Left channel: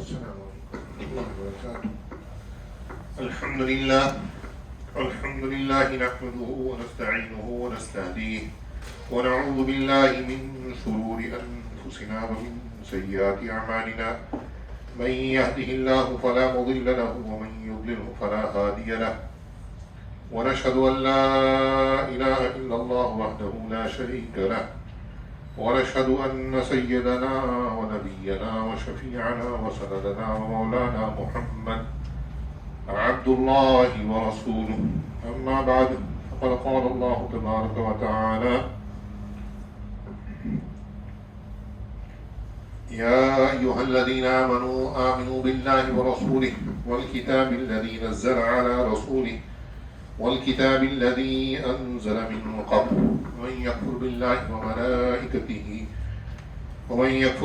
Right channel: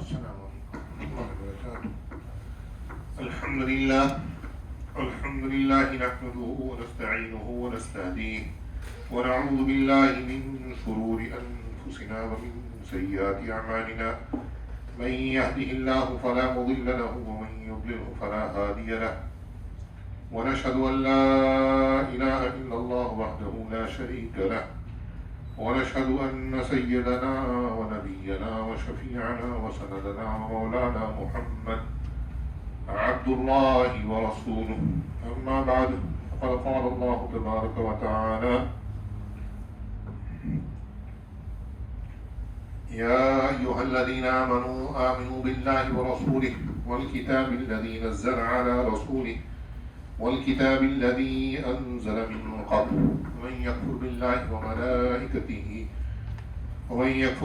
السلام عليكم ورحمة الله وبركاته. الحمد لله نحمده ونستعينه ونستهديه ونعوذ بالله من شرور أنفسنا ومن سيئات أعمالنا. من يهده الله فلا مضل له ومن يضلله فلا هادي له. ونشهد أن لا إله إلا الله وحده لا شريك له. ونشهد أن سيدنا ونبينا وشفيعنا وسندنا ومولانا محمد عبد الله ورسوله. أما بعد فقد قال الله تبارك وتعالى: يا أيها الذين آمنوا بالله ورسوله والكتاب الذي نزل على رسوله والكتاب الذي أنزل من قبل ومن يكفر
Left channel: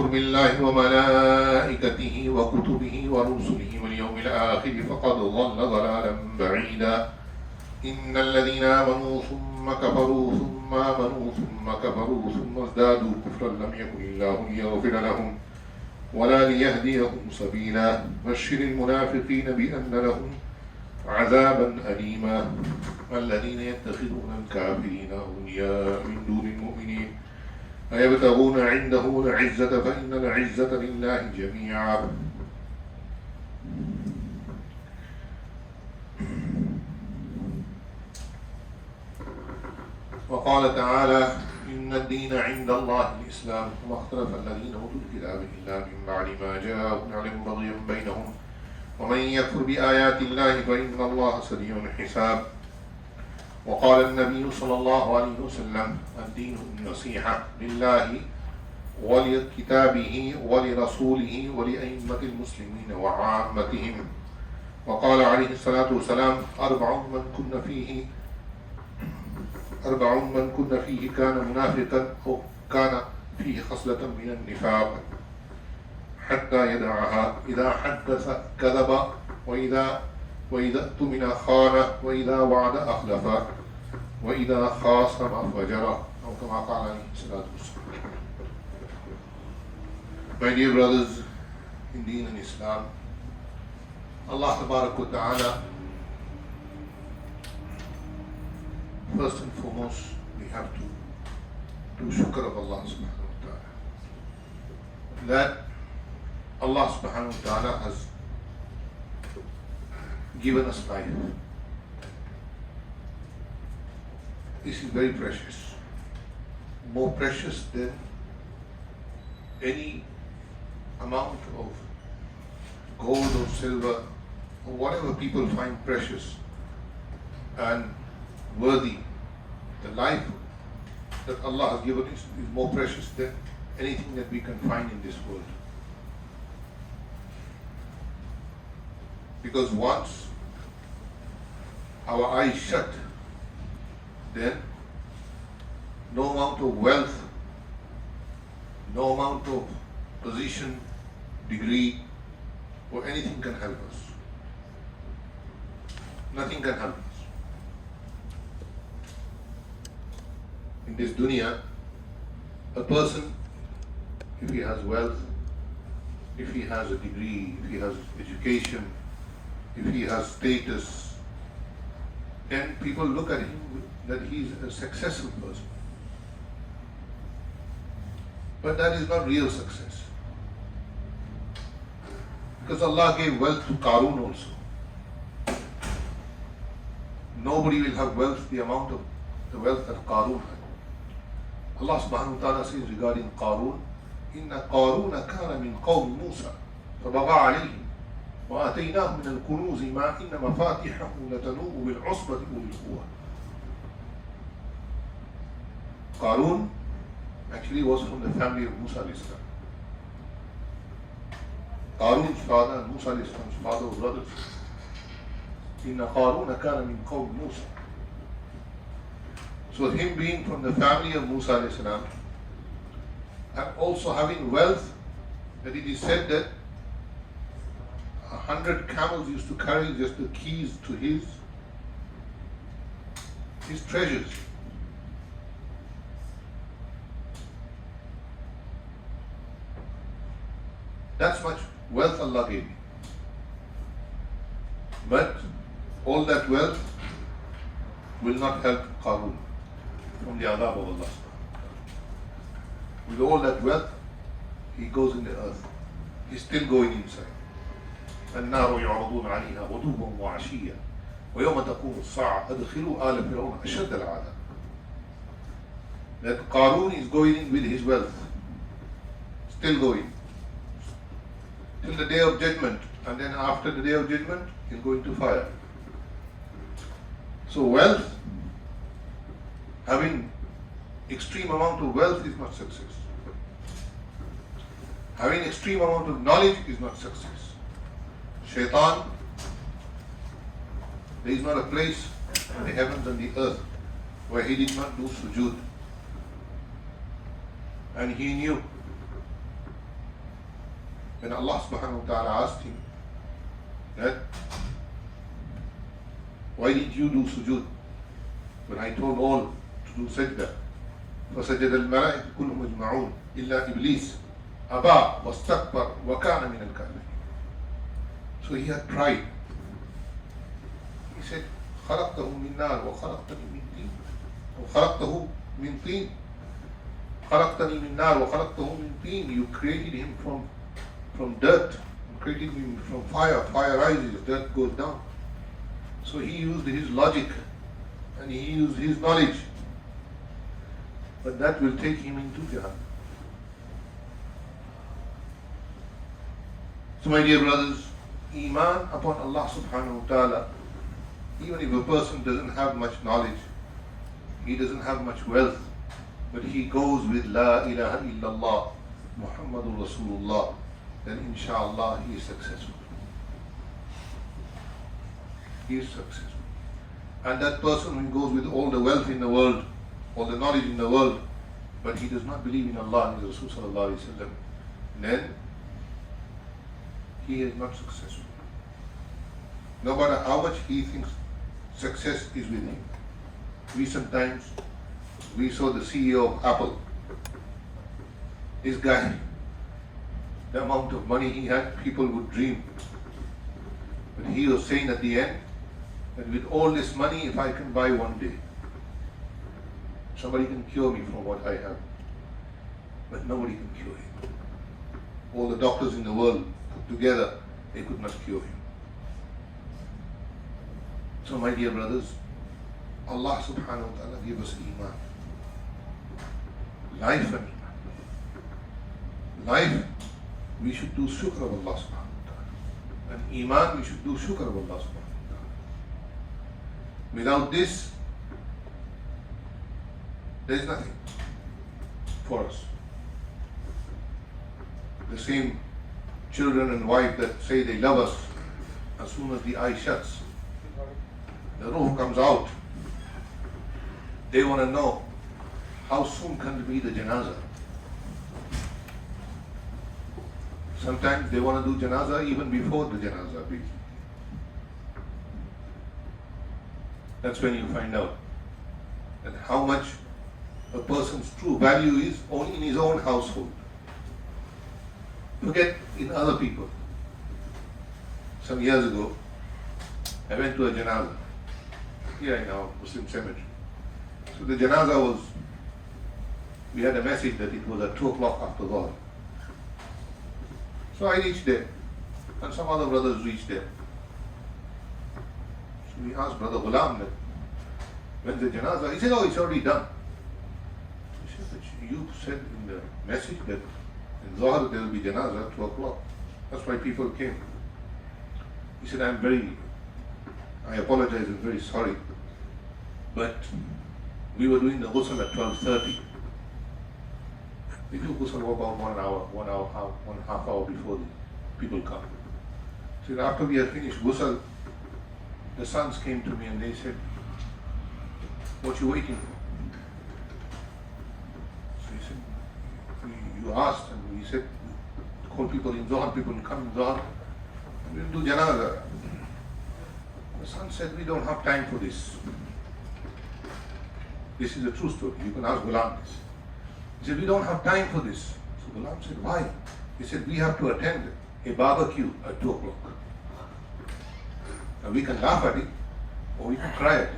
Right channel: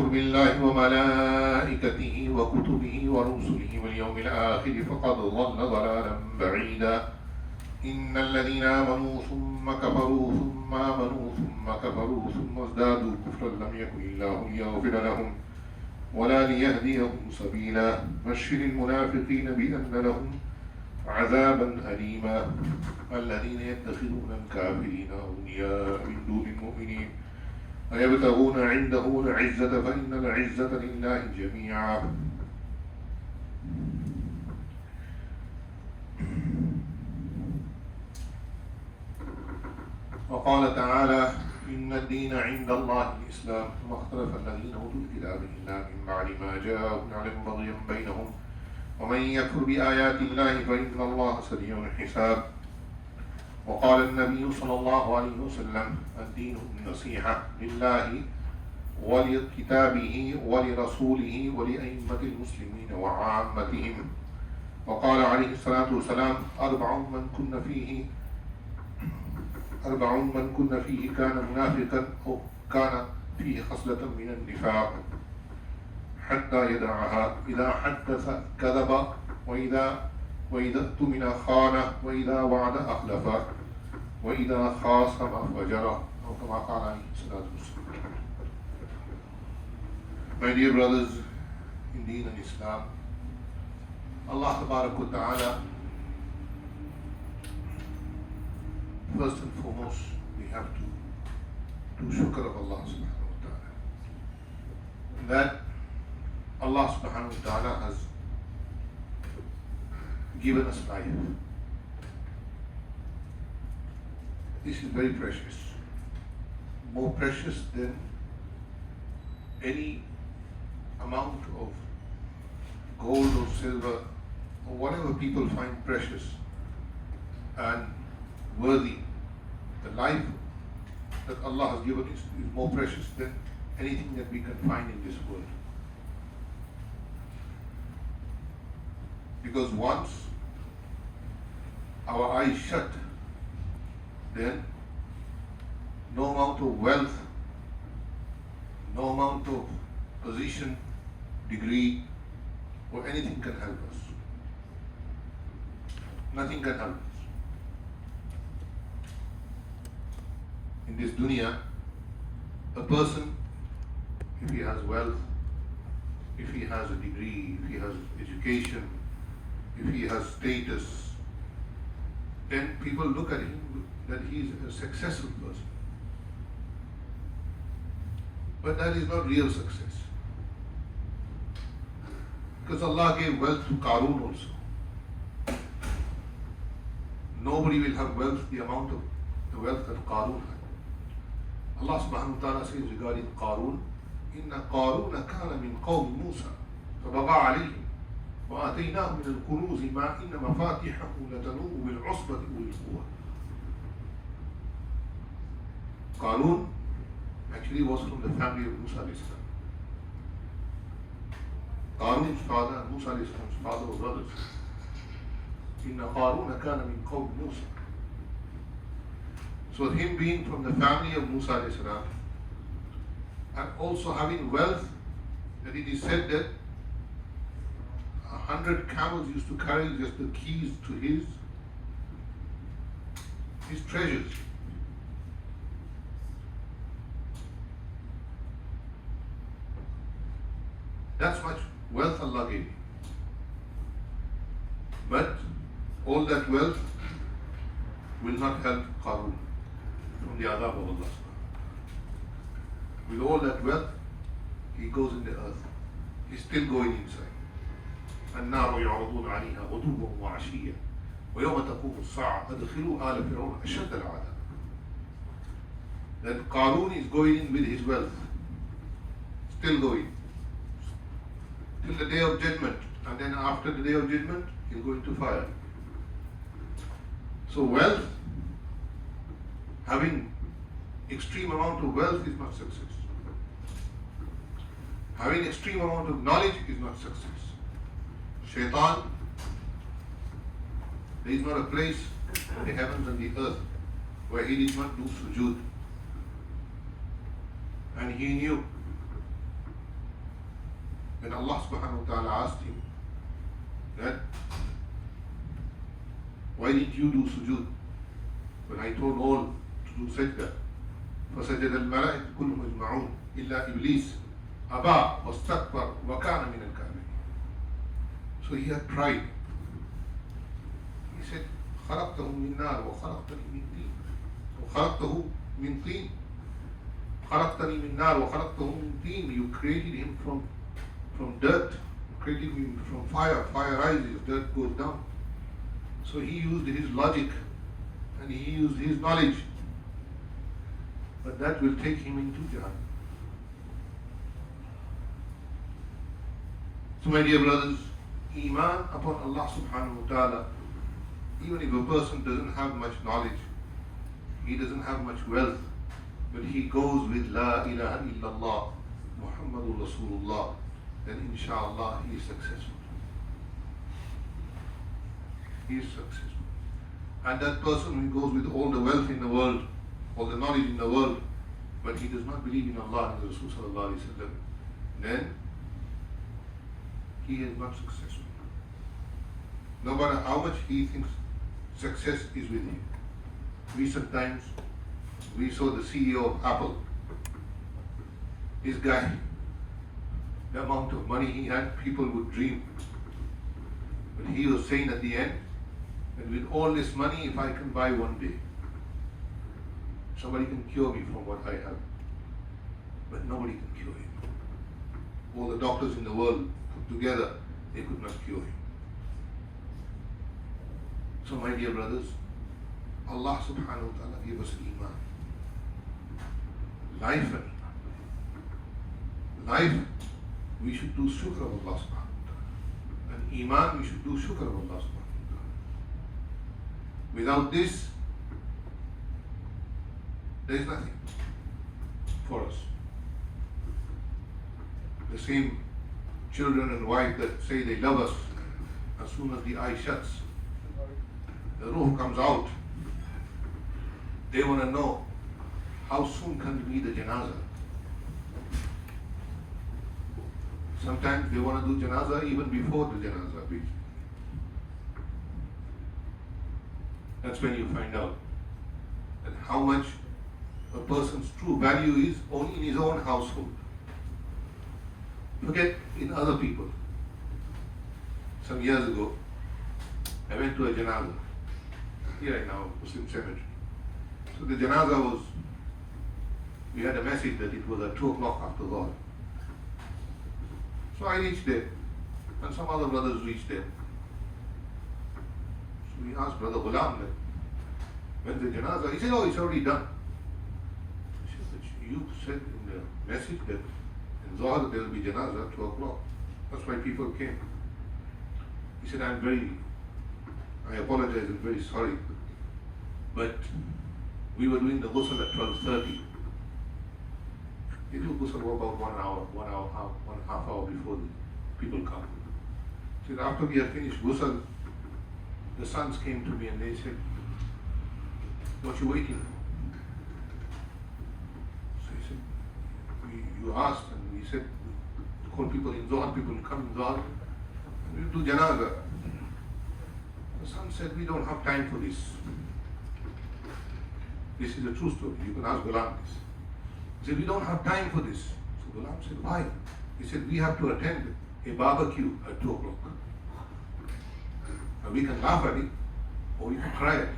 بالله وملائكته وكتبه ورسله واليوم الآخر فقد ضل ضلالا بعيدا. إن الذين آمنوا ثم كفروا ثم آمنوا ثم كفروا ثم ازدادوا كفرا لم يكن الله ليغفر لهم ولا ليهديهم سبيلا. بشر المنافقين بأن لهم عذابا أليما. الذين يتخذون الكافرين أولياء من دون المؤمنين أيبتغون عنده العزة فإن العزة لله جميعا. وقال تعالى: إن الدين عند الله الإسلام وما اختلف الذين أوتوا الكتاب إلا من بعد ما جاءهم العلم بغيا بينهم ومن يكفر بآيات الله فإن الله سريع الحساب. وقال النبي صلى الله عليه وسلم: الدين النصيحة لله ولكتابه ولرسوله ولأئمة المسلمين وعامتهم. وقال عليه الصلاة والسلام: أربع من كن فيه كان منافقا أو كان فيه خصلة من النفاق حتى يدعها. إذا حدث كذب وإذا اؤتمن خان وإذا وعد أخلف وإذا خاصم فجر أو كما قال عليه الصلاة والسلام. My dear brothers in Deen and Islam, Allah Tabarak wa Ta'ala, first and foremost we have to do shukr of Allah Subhanahu wa Ta'ala that Allah Subhanahu wa Ta'ala has given us life. This is very precious, more precious than any amount of gold or silver or whatever people find precious and worthy. The life that Allah has given us is more precious than anything that we can find in this world. Because once our eyes shut, then no amount of wealth, no amount of position, degree, or anything can help us. Nothing can help us. In this dunya, a person, if he has wealth, if he has a degree, if he has education, if he has status, then people look at him that he is a successful person. But that is not real success. Because Allah gave wealth to Qarun also. Nobody will have wealth the amount of the wealth that Qarun had. Allah subhanahu wa ta'ala says regarding Qarun, Inna Qaruna kana min qawmi Musa فبغى عليهم وآتيناه من الكنوز ما إن مفاتحه لتنوء بالعصبة أولي القوة. Qarun actually was from the family of Musa alayhi salam. Qarun's father and Musa alayhi salam's father were brothers. Inna Qaruna kana min qawmi Musa. So him being from the family of Musa alayhi salam and also having wealth, that it is said that 100 camels used to carry just the keys to his treasures. That's much Wealth Allah gave him. But all that wealth will not help Qarun from the adab of Allah. With all that wealth, he goes in the earth. He's still going inside. النار يعرضون عليها غدوا وعشيا ويوم تقوم الساعة أدخلوا آل فرعون أشد العذاب. That Qarun is going in with his wealth, still going till the day of judgment, and then after the day of judgment he'll go into fire. So wealth, having extreme amount of wealth is not success. Having extreme amount of knowledge is not success. Shaitan, there is not a place in the heavens and the earth where he did not do sujood. And he knew when Allah subhanahu wa ta'ala asked him that, why did you do sujood? When I told all to do sajda. فَسَجَدَ الْمَلَائِكَةُ كُلُّهُمْ أَجْمَعُونَ إِلَّا إِبْلِيسَ أَبَى وَاسْتَكْبَرَ وَكَانَ مِنَ الْكَافِرِينَ. So he had pride. He said, خَلَقْتَهُ مِنْ نَارٍ وَخَلَقْتَنِي مِنْ طِينٍ وَخَلَقْتَهُ مِنْ طِينٍ خَلَقْتَنِي مِنْ نَارٍ وَخَلَقْتَهُ مِنْ طِينٍ. You created him from dirt. You created him from fire. Fire rises, dirt goes down. So he used his logic and he used his knowledge. But that will take him into Jahannam. So my dear brothers, Iman upon Allah subhanahu wa ta'ala, even if a person doesn't have much knowledge, he doesn't have much wealth, but he goes with La ilaha illallah Muhammadur Rasulullah, then inshallah he is successful. He is successful. And that person who goes with all the wealth in the world, all the knowledge in the world, but he does not believe in Allah and His Rasul sallallahu alayhi wa sallam, then he is not successful. No matter how much he thinks success is with him. Recent times, we saw the CEO of Apple. This guy, the amount of money he had, people would dream. But he was saying at the end, that with all this money, if I can buy one day, somebody can cure me from what I have. But nobody can cure him. All the doctors in the world put together, they could not cure him. So my dear brothers, Allah subhanahu wa ta'ala gave us Iman. Life and Iman. Life, we should do shukr of Allah subhanahu wa ta'ala. And Iman, we should do shukr of Allah subhanahu wa ta'ala. Without this, there is nothing for us. The same children and wife that say they love us, as soon as the eye shuts, the ruh comes out. They want to know how soon can it be the janazah. Sometimes they want to do janazah even before the janazah be. That's when you find out that how much a person's true value is only in his own household. Forget in other people. Some years ago, I went to a janazah here in our Muslim cemetery. So the janazah was, we had a message that it was at 2 o'clock after Dhuhr. So I reached there, and some other brothers reached there. So we asked Brother Ghulam that, when's the janazah? He said, oh, it's already done. I said, but you said in the message that in Dhuhr there will be janazah at 2 o'clock. That's why people came. He said, I apologize, I'm very sorry. But we were doing the ghusl at 12:30. We do ghusl about 1 hour, 1.5 hour before the people come. So after we had finished ghusl, the sons came to me and they said, what you waiting for? So he said, you asked, and we said, call people in Dhuhr, people come in Dhuhr, and we'll do janazah. The son said, we don't have time for this. This is a true story. You can ask Ghulam this. He said, we don't have time for this. So Ghulam said, why? He said, we have to attend a barbecue at 2 o'clock. And we can laugh at it or we can cry at it.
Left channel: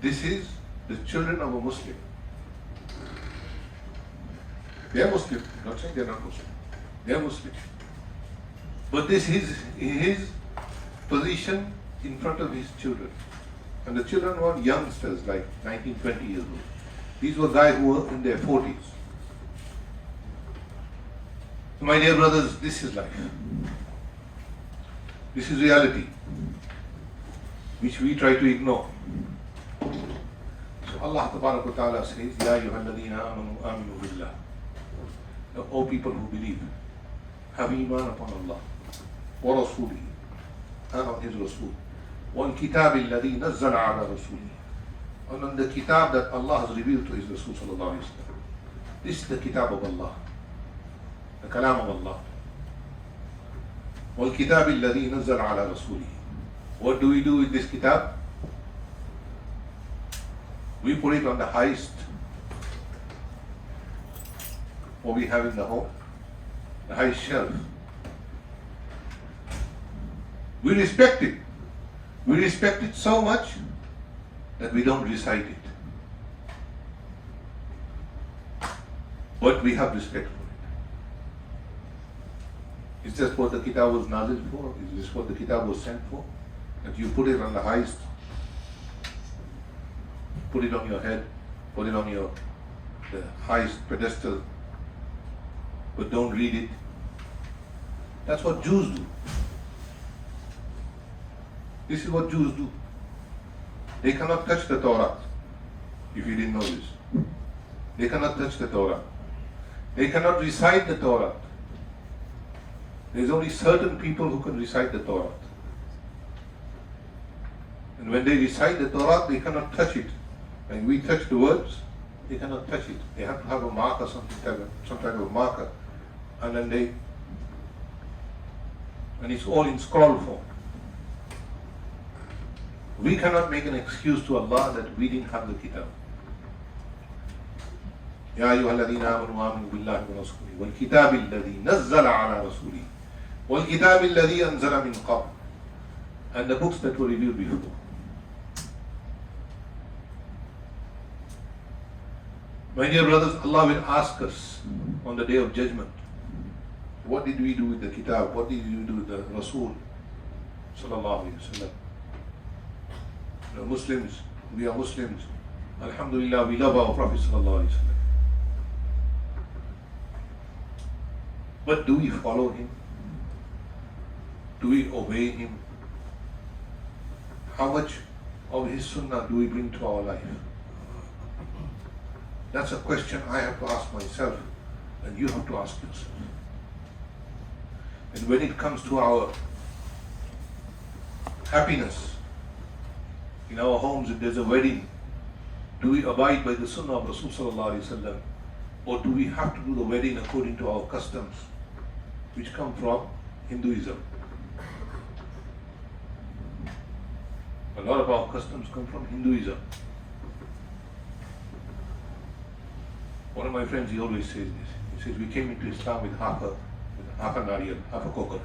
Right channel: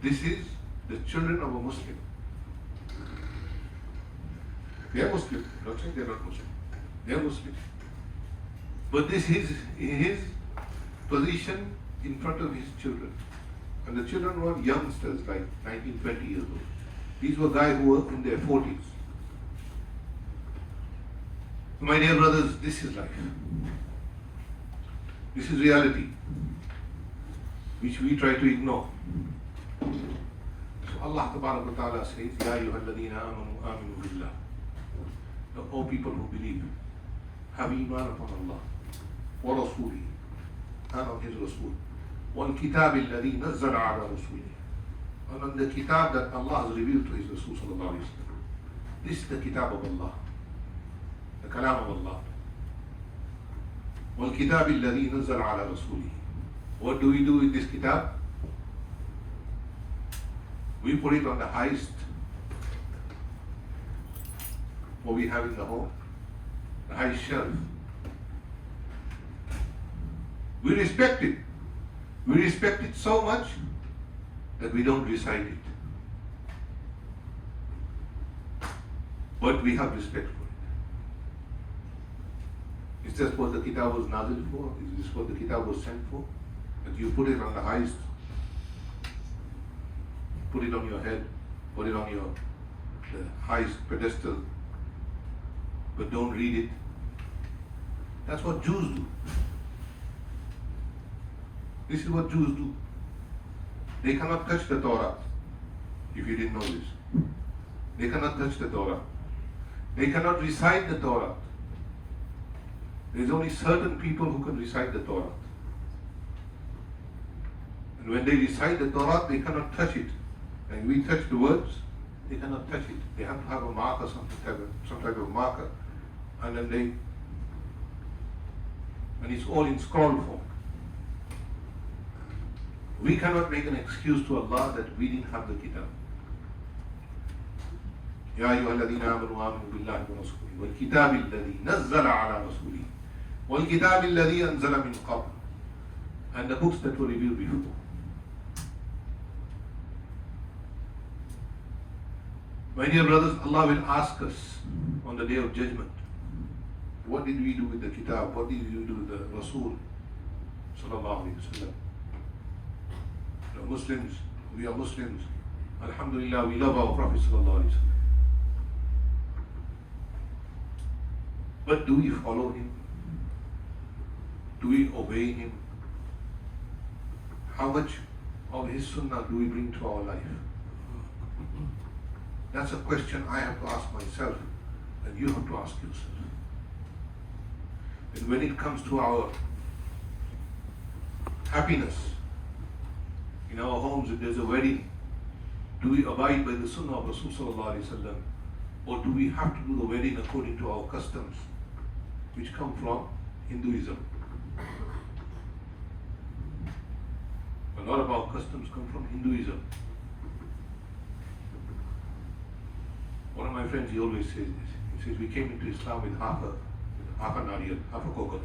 This is the children of a Muslim. They are Muslim. I'm not saying they are not Muslim. They are Muslim. But this is his position in front of his children. And the children were youngsters, like 19, 20 years old. These were guys who were in their 40s. So my dear brothers, this is life. This is reality, which we try to ignore. So Allah Ta'ala says, Ya ayyuhalladhina amanu billah. O people who believe, have iman upon Allah, wa rasulihi, and on His Rasul, wal kitab alladhi nazzala ala rasulihi, and on the kitab that Allah has revealed to His Rasul sallallahu alayhi wa sallam. This is the kitab of Allah, the kalam of Allah. Wal kitab alladhi nazzala ala rasulihi. What do we do with this kitab? We put it on the highest what we have in the home, the high shelf. We respect it. We respect it so much that we don't recite it. But we have respect for it. Is this what the kitab was nazil for? Is this what the kitab was sent for? That you put it on the highest, put it on your head, put it on the highest pedestal, but don't read it. That's what Jews do. This is what Jews do. They cannot touch the Torah, if you didn't know this. They cannot touch the Torah. They cannot recite the Torah. There's only certain people who can recite the Torah. And when they recite the Torah, they cannot touch it. And we touch the words, they cannot touch it. They have to have a marker, some type of marker. And then and it's all in scroll form. We cannot make an excuse to Allah that we didn't have the kitab. Ya ayyuhalladhina amanu aminu billahi wa rasulihi wal kitabi alladhi nazzala ala rasulihi wal kitabi alladhi anzala min qabl, and the books that were revealed before. My dear brothers, Allah will ask us on the day of judgment, what did we do with the kitab? What did you do with the Rasul sallallahu alayhi wa sallam? Muslims, we are Muslims. Alhamdulillah, we love our Prophet sallallahu alayhi wa sallam. But do we follow him? Do we obey him? How much of his sunnah do we bring to our life? That's a question I have to ask myself, and you have to ask yourself. And when it comes to our happiness in our homes, if there's a wedding, do we abide by the sunnah of Rasul sallallahu alayhi wa sallam, or do we have to do the wedding according to our customs, which come from Hinduism? A lot of our customs come from Hinduism. One of my friends, he always says this. He says, we came into Islam with half a nariyal, half a coconut.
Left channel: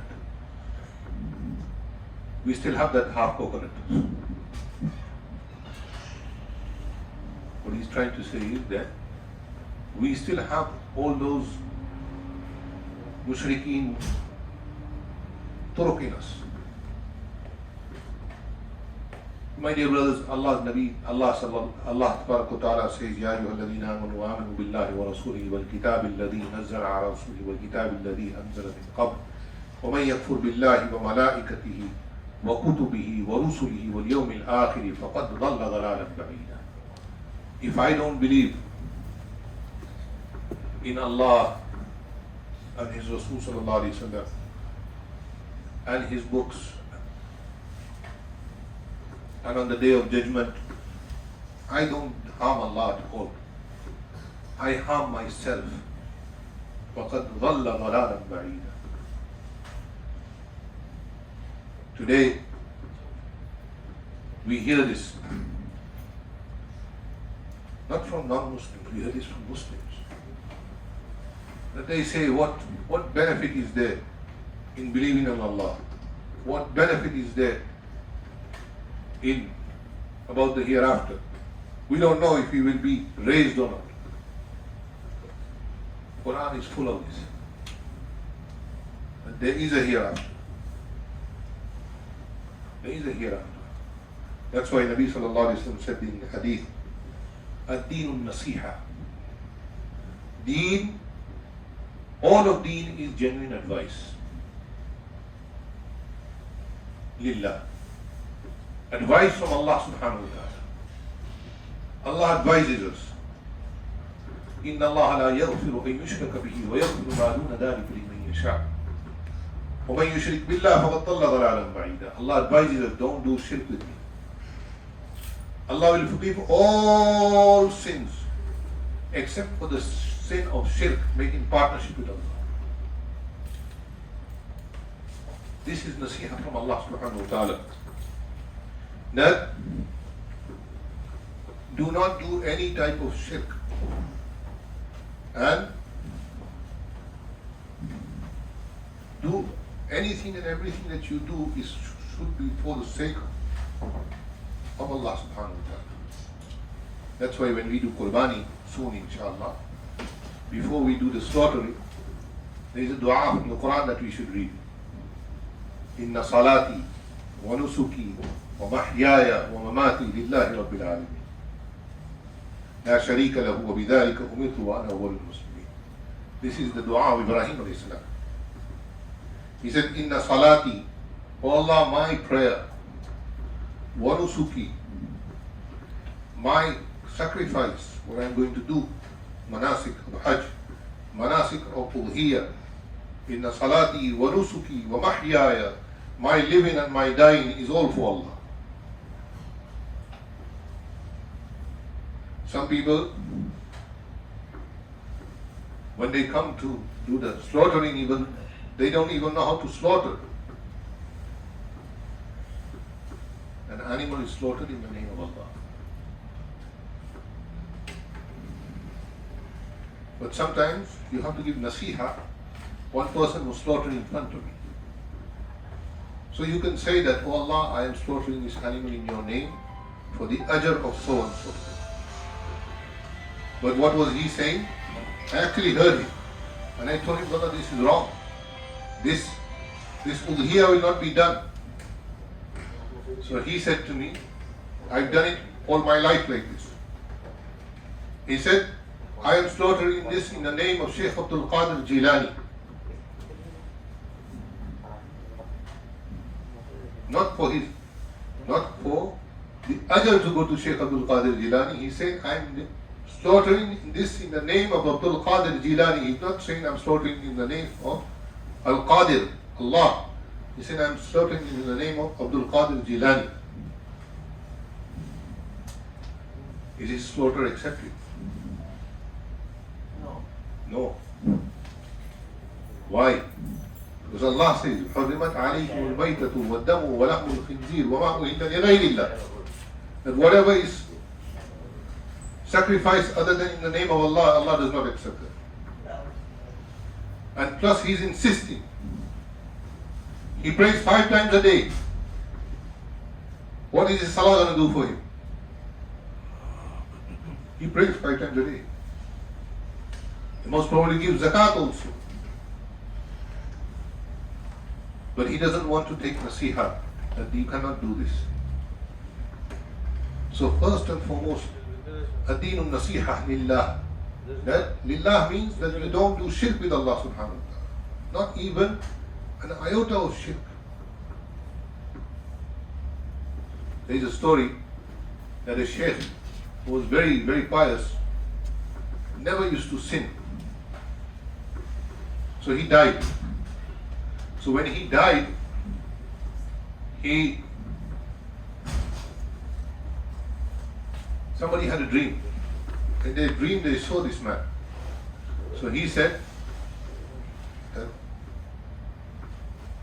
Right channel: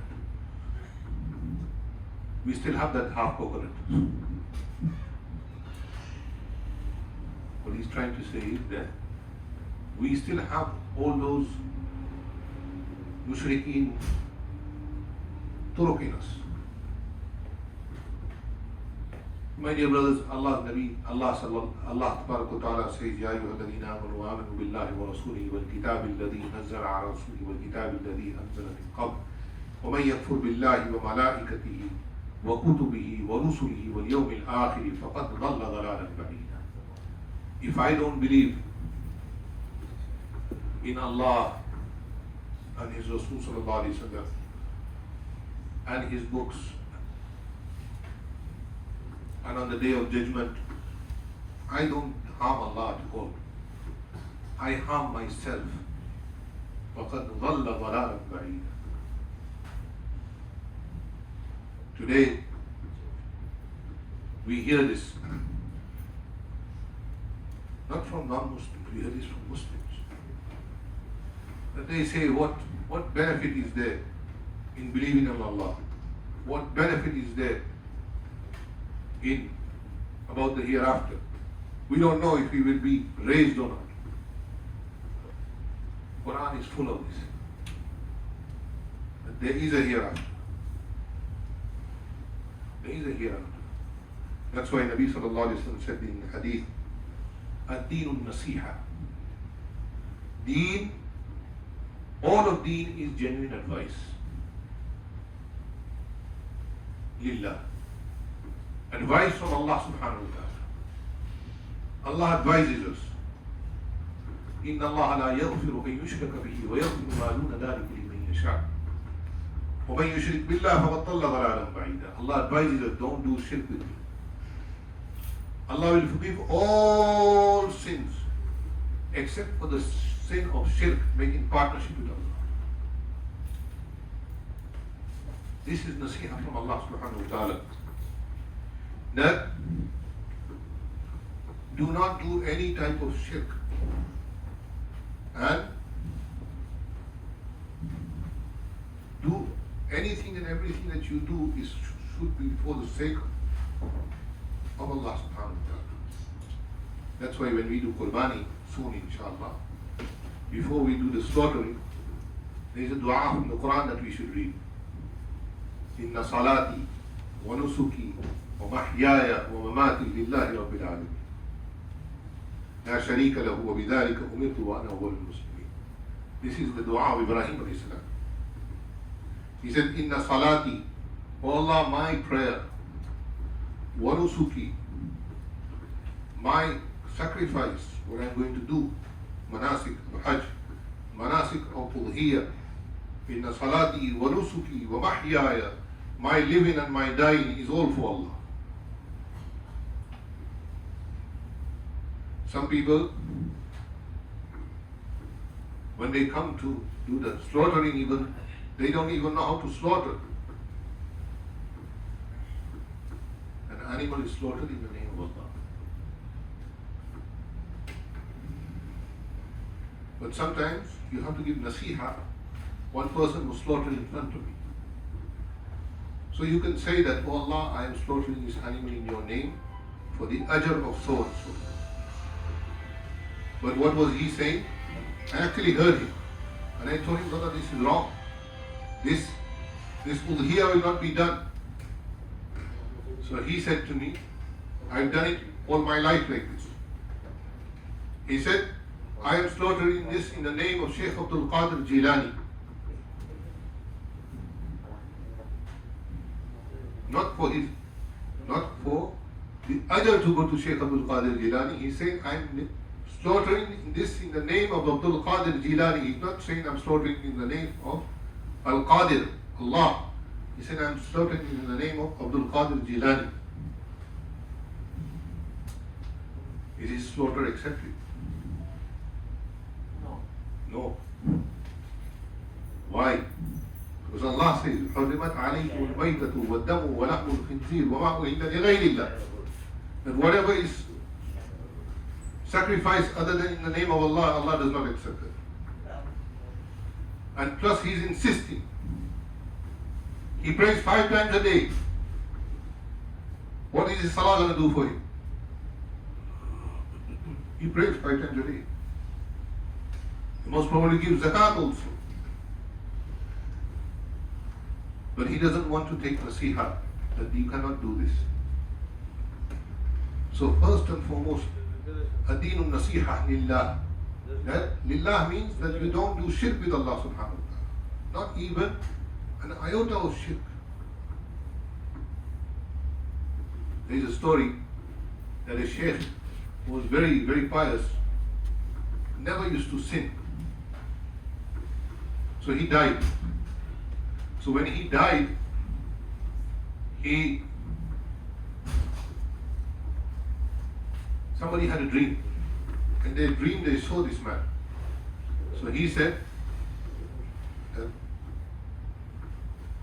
We still have that half coconut. What he's trying to say is that we still have all those mushrikeen turuq in us. My dear brothers, Allah's Nabi, Allah Ta'ala says, Ya ayyuhalladhina amanu aminu billahi wa rasulihi wal kitabi alladhi nazzala ala rasulihi wal kitabi alladhi anzala min qabl wa man yakfur billahi wa malaikatihi wa kutubihi wa rusulihi wal yawmil akhiri faqad dhalla dhalalan ba'ida. If I don't believe in Allah and His Rasul sallallahu alayhi wa sallam and His books, and on the day of judgment, I don't harm Allah at all. I harm myself. وَقَدْ ضَلَّ ضَلَالًا بَعِيدًا. Today, we hear this, not from non-Muslims, we hear this from Muslims. But they say, what benefit is there in believing in Allah? What benefit is there in about the hereafter? We don't know if we will be raised or not. Quran is full of this. But there is a hereafter. There is a hereafter. That's why Nabi sallallahu alaihi wasallam said in the hadith, "Ad-deen nasiha." Deen, all of deen is genuine advice. Lillah. Advice from Allah subhanahu wa ta'ala. Allah advises us. إِنَّ اللَّهَ لَا يَغْفِرُ أَن يُشْرَكَ بِهِ وَيَغْفِرُ مَا دُونَ ذَلِكَ لِمَن يَشَاءُ وَمَن يُشْرِكْ بِاللَّهِ فَقَدْ ضَلَّ ضَلَالًا بَعِيدًا. Allah advises us, don't do shirk with me. Allah will forgive all sins except for the sin of shirk, making partnership with Allah. This is nasiha from Allah subhanahu wa ta'ala. That do not do any type of shirk, and do anything and everything that you do should be for the sake of Allah subhanahu wa ta'ala. That's why when we do Qurbani soon inshallah, before we do the slaughtering, there is a dua from the Quran that we should read. Inna salati wa nusuki wa mahyaya wa mamati lillahi rabbil alamin. La sharika lahu wa bidhalika umirtu wa ana awwalul muslimin. This is the dua of Ibrahim alayhi salam. He said, Inna salati, O Allah, my prayer, wa nusuki, my sacrifice, what I'm going to do, manasik of Hajj, manasik of Udhiyah, Inna salati wa nusuki wa mahyaya, my living and my dying is all for Allah. Some people, when they come to do the slaughtering, even they don't even know how to slaughter. An animal is slaughtered in the name of Allah. But sometimes you have to give nasiha. One person was slaughtered in front of me. So you can say that, oh Allah, I am slaughtering this animal in your name for the ajr of so and so. But what was he saying? I actually heard him. And I told him, brother, this is wrong. This udhiyah will not be done. So he said to me, I've done it all my life like this. He said, I am slaughtering this in the name of Shaykh Dhul-Qadah Jilani. Not for the ajr to go to Shaykh Dhul-Qadah Jilani. He said, I'm slaughtering this in the name of Dhul-Qadah Jilani. He's not saying I'm slaughtering in the name of Al-Qadir, Allah. He said, I'm slaughtering in the name of Dhul-Qadah Jilani. Is his slaughter accepted? No. Why? Because Allah says, حُرِّمَتْ عَلَيْكُمُ الْمَيْتَةُ وَالدَّمُ وَلَحْمُ الْخِنْزِيرِ وَمَا أُهِلَّ لِغَيْرِ اللَّهِ. That whatever is sacrificed other than in the name of Allah, Allah does not accept it. And plus he's insisting. He prays 5 times a day. What is his salah going to do for him? He prays 5 times a day. He most probably gives zakat also. But he doesn't want to take nasiha that you cannot do this. So first and foremost, ad-deen nasiha lillah. That lillah means that you don't do shirk with Allah subhanahu wa ta'ala. Not even an iota of shirk. There is a story that a sheikh who was very, very pious never used to sin. So he died. So when he died, somebody had a dream. In their dream they saw this man. So he said,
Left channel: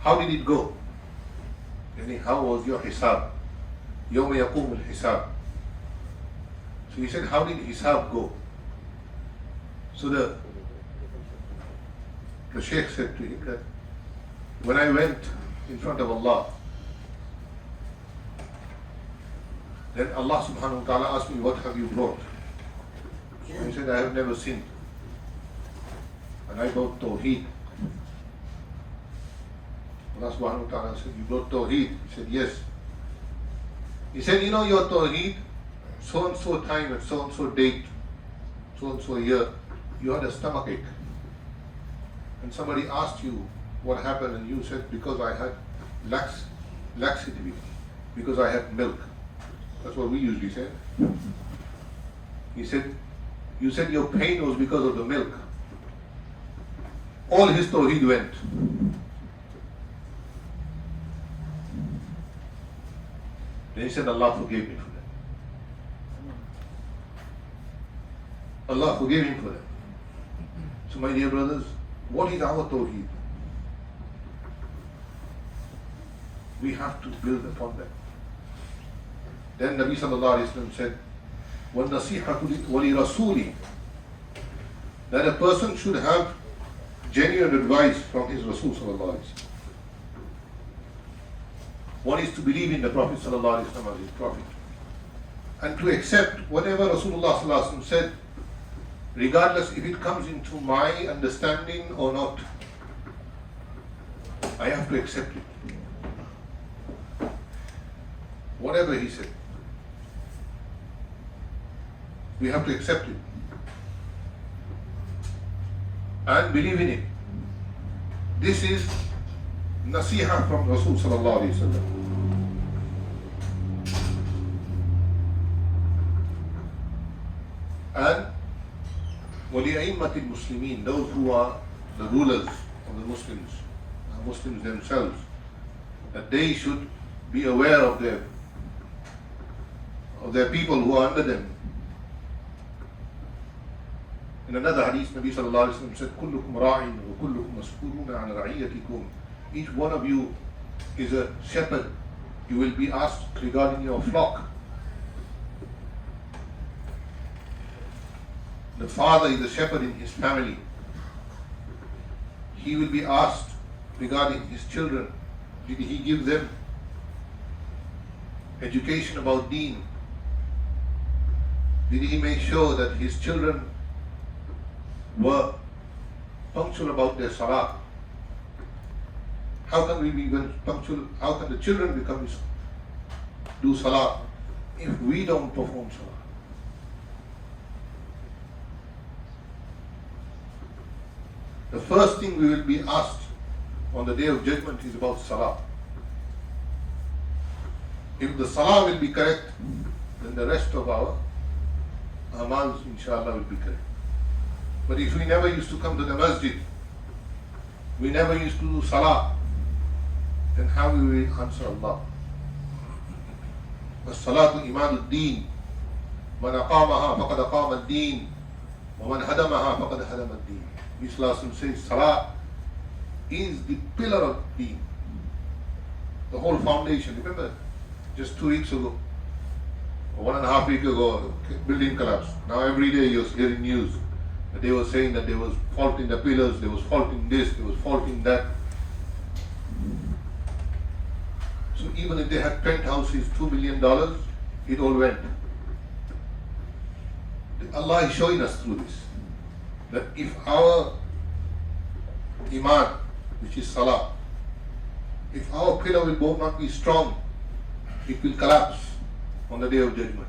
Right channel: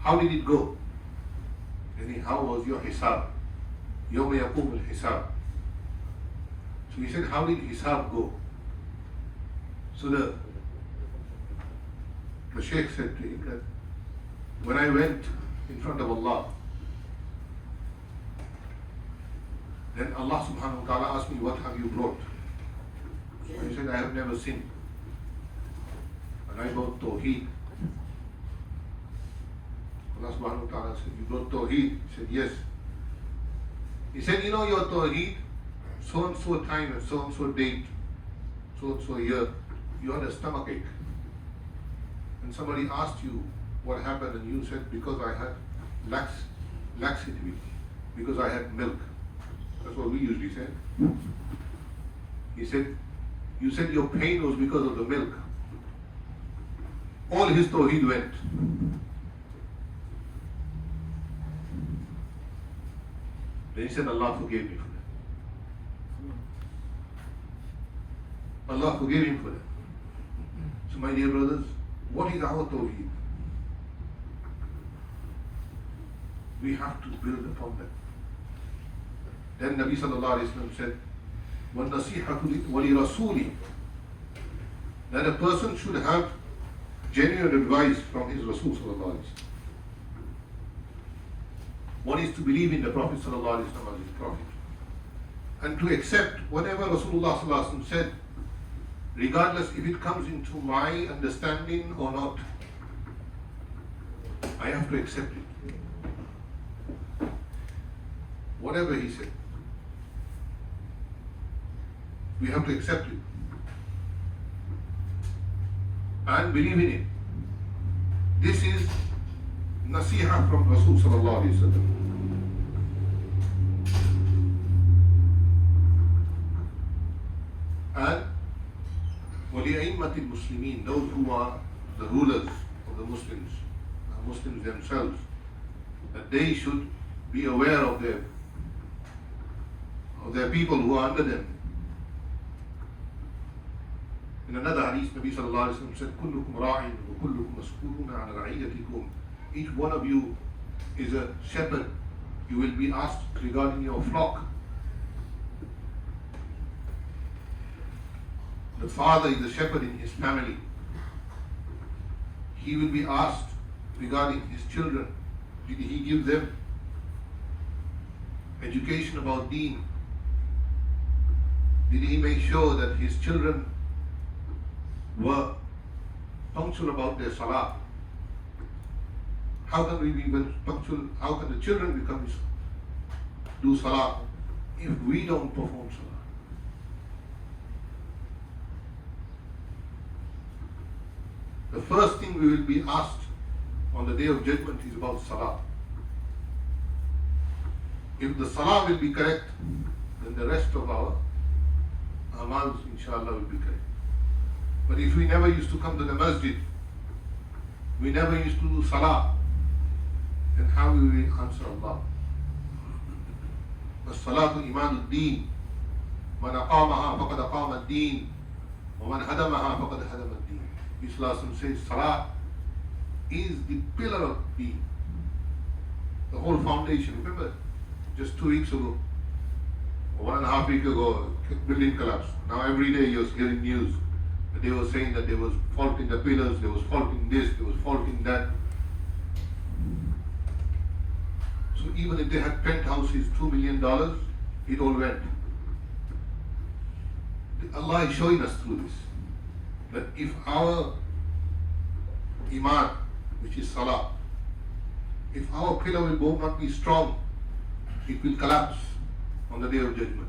how did it go? How was your hisab? يوم يقوم الحساب. So he said, how did hisab go? So the Shaykh said to him that when I went in front of Allah, then Allah subhanahu wa ta'ala asked me, what have you brought? I said, I have never sinned. And I brought Tawheed. Allah subhanahu wa ta'ala said, you brought Tawheed? He said, yes. He said, you know your Tawheed, so and so time and so date, so and so year, you had a stomachache. And somebody asked you what happened, and you said, because I had laxity, because I had milk. That's what we usually say. He said, you said your pain was because of the milk. All his Tawheed went. Then he said, Allah forgave me for that. Allah forgave him for that. So my dear brothers, what is our Tawheed? We have to build upon that. Then Nabi sallallahu alayhi wa sallam said, وَالنَّصِيحَةُ وَلِرَسُولِهِ, that a person should have genuine advice from his Rasul sallallahu alayhi wa sallam. One is to believe in the Prophet sallallahu alayhi wa sallam as his Prophet, and to accept whatever Rasulullah sallallahu alayhi wa sallam said, regardless if it comes into my understanding or not. I have to accept it. Whatever he said, we have to accept it and believe in it. This is nasiha from Rasul sallallahu alayhi wa sallam. And وَلِأَئِمَّةِ الْمُسْلِمِينَ, those who are the rulers of the Muslims, Muslims themselves, that they should be aware of their people who are under them. In another hadith, Nabi sallallahu alayhi wa sallam said, كُلُّكُمْ رَاعٍ وَكُلُّكُمْ مَسْئُولُونَ عَنْ رَعِيَّتِكُمْ. Each one of you is a shepherd. You will be asked regarding your flock. The father is a shepherd in his family. He will be asked regarding his children. Did he give them education about deen? Did he make sure that his children were punctual about their Salah? How can we be punctual? How can the children do Salah if we don't perform Salah? The first thing we will be asked on the Day of Judgment is about Salah. If the Salah will be correct, then the rest of our amals, inshallah, will be correct. But if we never used to come to the Masjid, we never used to do Salah, then how will we answer Allah? الصلاة إيمان الدين من أقامها فقد أقام الدين ومن هدمها فقد هدم الدين. Islam says Salah is the pillar of deen, the whole foundation. Remember, just 2 weeks ago, or 1.5 weeks ago, building collapsed. Now every day you're hearing news. They were saying that there was fault in the pillars, there was fault in this, there was fault in that. So even if they had penthouses, $2 million, it all went. Allah is showing us through this, that if our Iman, which is Salah, if our pillar will not be strong, it will collapse on the Day of Judgment.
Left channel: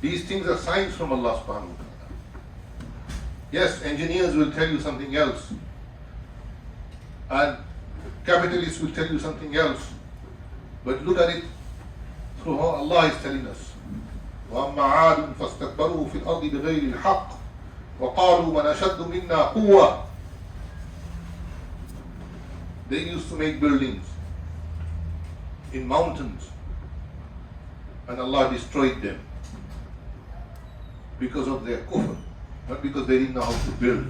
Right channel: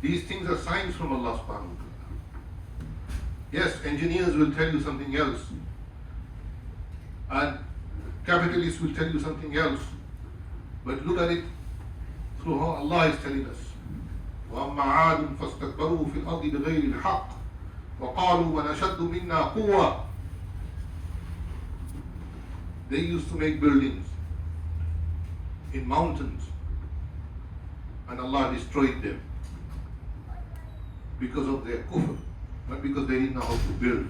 These things are signs from Allah subhanahu wa ta'ala. Yes, engineers will tell you something else, and capitalists will tell you something else, but look at it through how Allah is telling us. وَأَمَّا عَادٌ فَاسْتَكْبَرُوا فِي الْأَرْضِ بِغَيْرِ الْحَقِّ وَقَالُوا مَنْ أَشَدُّ مِنَّا قُوَّةً. They used to make buildings in mountains, and Allah destroyed them because of their kufr, not because they didn't know how to build,